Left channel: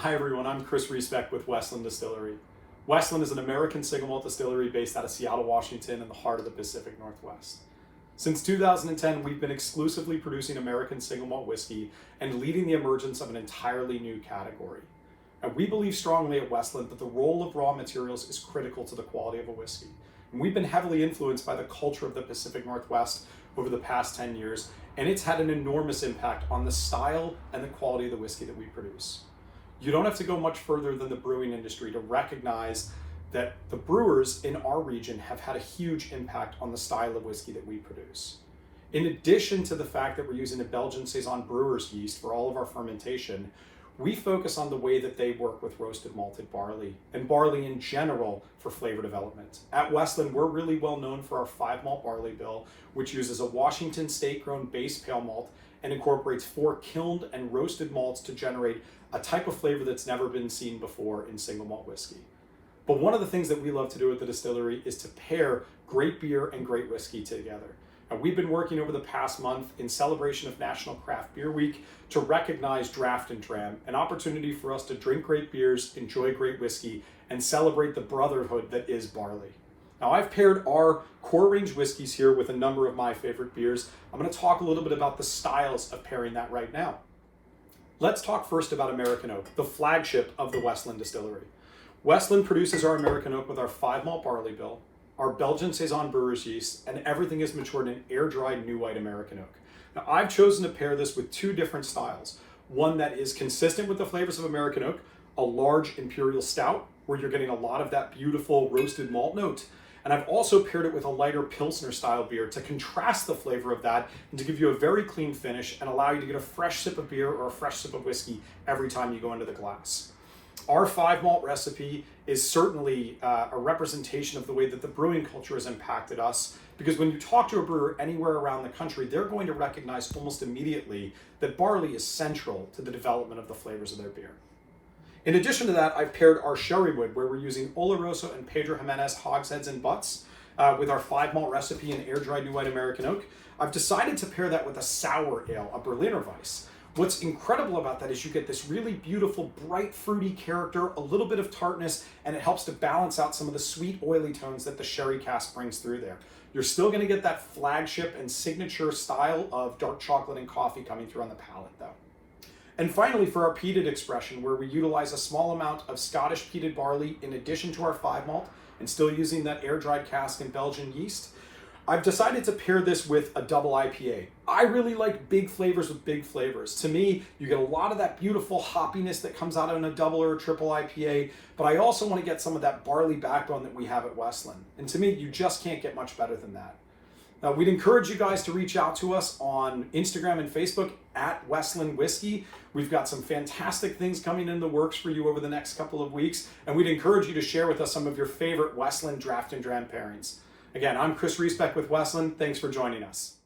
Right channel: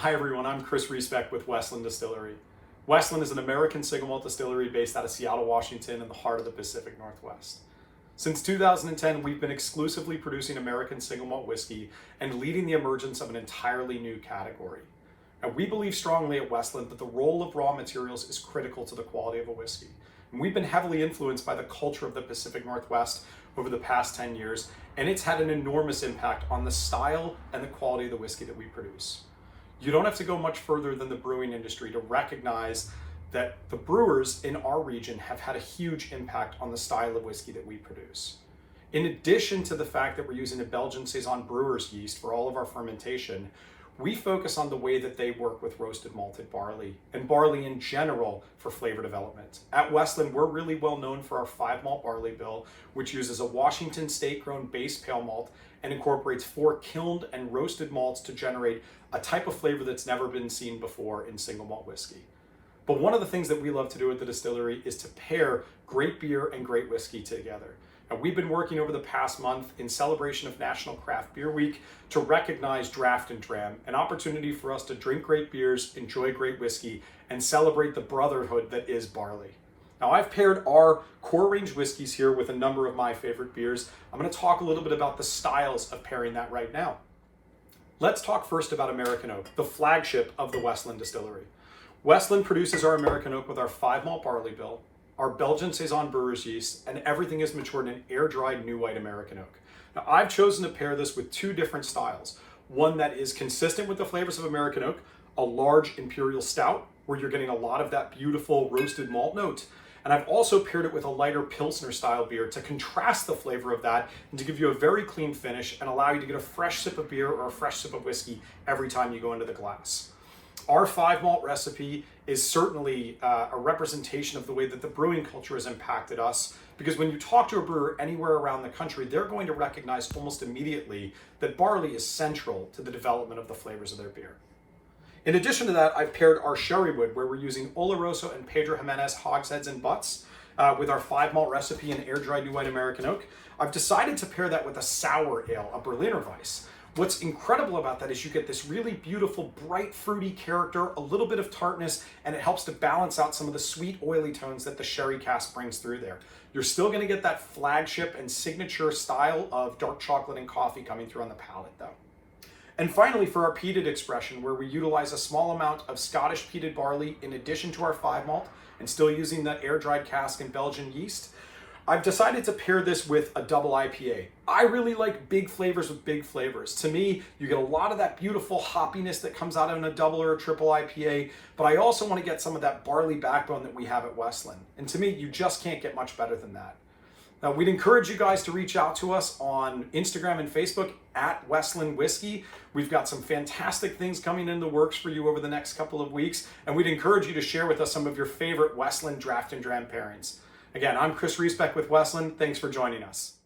Hi everyone, I'm Chris Reesbeck with Westland Distillery. Westland is an American single malt distillery based out of Seattle, Washington in the heart of the Pacific Northwest. Since 2010, we've been exclusively producing American single malt whiskey and leading the emergence of an entirely new category. And we believe strongly at Westland that the role of raw materials is critical to the quality of a whiskey. And we've been heavily influenced by the culture of the Pacific Northwest over the past 10 years, and it's had an enormous impact on the style and the quality of the whiskey that we produce. You don't have to go much further than the brewing industry to recognize that the brewers in our region have had a huge impact on the style of whiskey that we produce. In addition to the fact that we're using a Belgian Saison brewer's yeast for all of our fermentation, we focus on the way that they work with roasted malted barley and barley in general for flavor development. At Westland, we're really well known for our 5 malt barley bill, which uses a Washington state-grown base pale malt and incorporates 4 kilned and roasted malts to generate a type of flavor that's never been seen before in single malt whiskey. But one of the things that we love to do at the distillery is to pair great beer and great whiskey together. And we've been working over the past month in celebration of National Craft Beer Week to recognize Draft Dram, an opportunity for us to drink great beers, enjoy great whiskey, and celebrate the brotherhood that is barley. Now, I've paired our core range whiskeys here with a number of my favorite beers. I'm going to talk a little bit about the styles of pairing that right now. Let's talk first about American Oak, the flagship of the Westland Distillery. Westland produces our American Oak with our 5 malt barley bill, our Belgian Saison brewer's yeast, and everything is matured in air-dried new white American Oak. Now, I've chosen to pair this with 2 different styles. One that is consistent with the flavors of American Oak, a large imperial stout, where you're getting a lot of that beautiful roasted malt note. And I've also paired it with a lighter Pilsner style beer to contrast the flavor of that and to give you a very clean finish and allow you to get a fresh sip of beer or a fresh sip of whiskey every time you go into the glass. Our 5 malt recipe is certainly a representation of the way that the brewing culture has impacted us, because when you talk to a brewer anywhere around the country, they're going to recognize almost immediately that barley is central to the development of the flavors of their beer. In addition to that, I've paired our sherry wood, where we're using Oloroso and Pedro Jimenez hogsheads and butts with our 5 malt recipe and air-dried new white American Oak. I've decided to pair that with a sour ale, a Berliner Weiss. What's incredible about that is you get this really beautiful, bright, fruity character, a little bit of tartness, and it helps to balance out some of the sweet, oily tones that the sherry cask brings through there. You're still going to get that flagship and signature style of dark chocolate and coffee coming through on the palate, though. And finally, for our peated expression, where we utilize a small amount of Scottish peated barley in addition to our 5 malt, and still using that air-dried cask and Belgian yeast, I've decided to pair this with a double IPA. I really like big flavors with big flavors. To me, you get a lot of that beautiful hoppiness that comes out in a double or a triple IPA, but I also want to get some of that barley backbone that we have at Westland. And to me, you just can't get much better than that. Now, we'd encourage you guys to reach out to us on Instagram and Facebook at Westland Whiskey. We've got some fantastic things coming in the works for you over the next couple of weeks, and we'd encourage you to share with us some of your favorite Westland Draft Dram pairings. Again, I'm Chris Reesbeck with Westland. Thanks for joining us.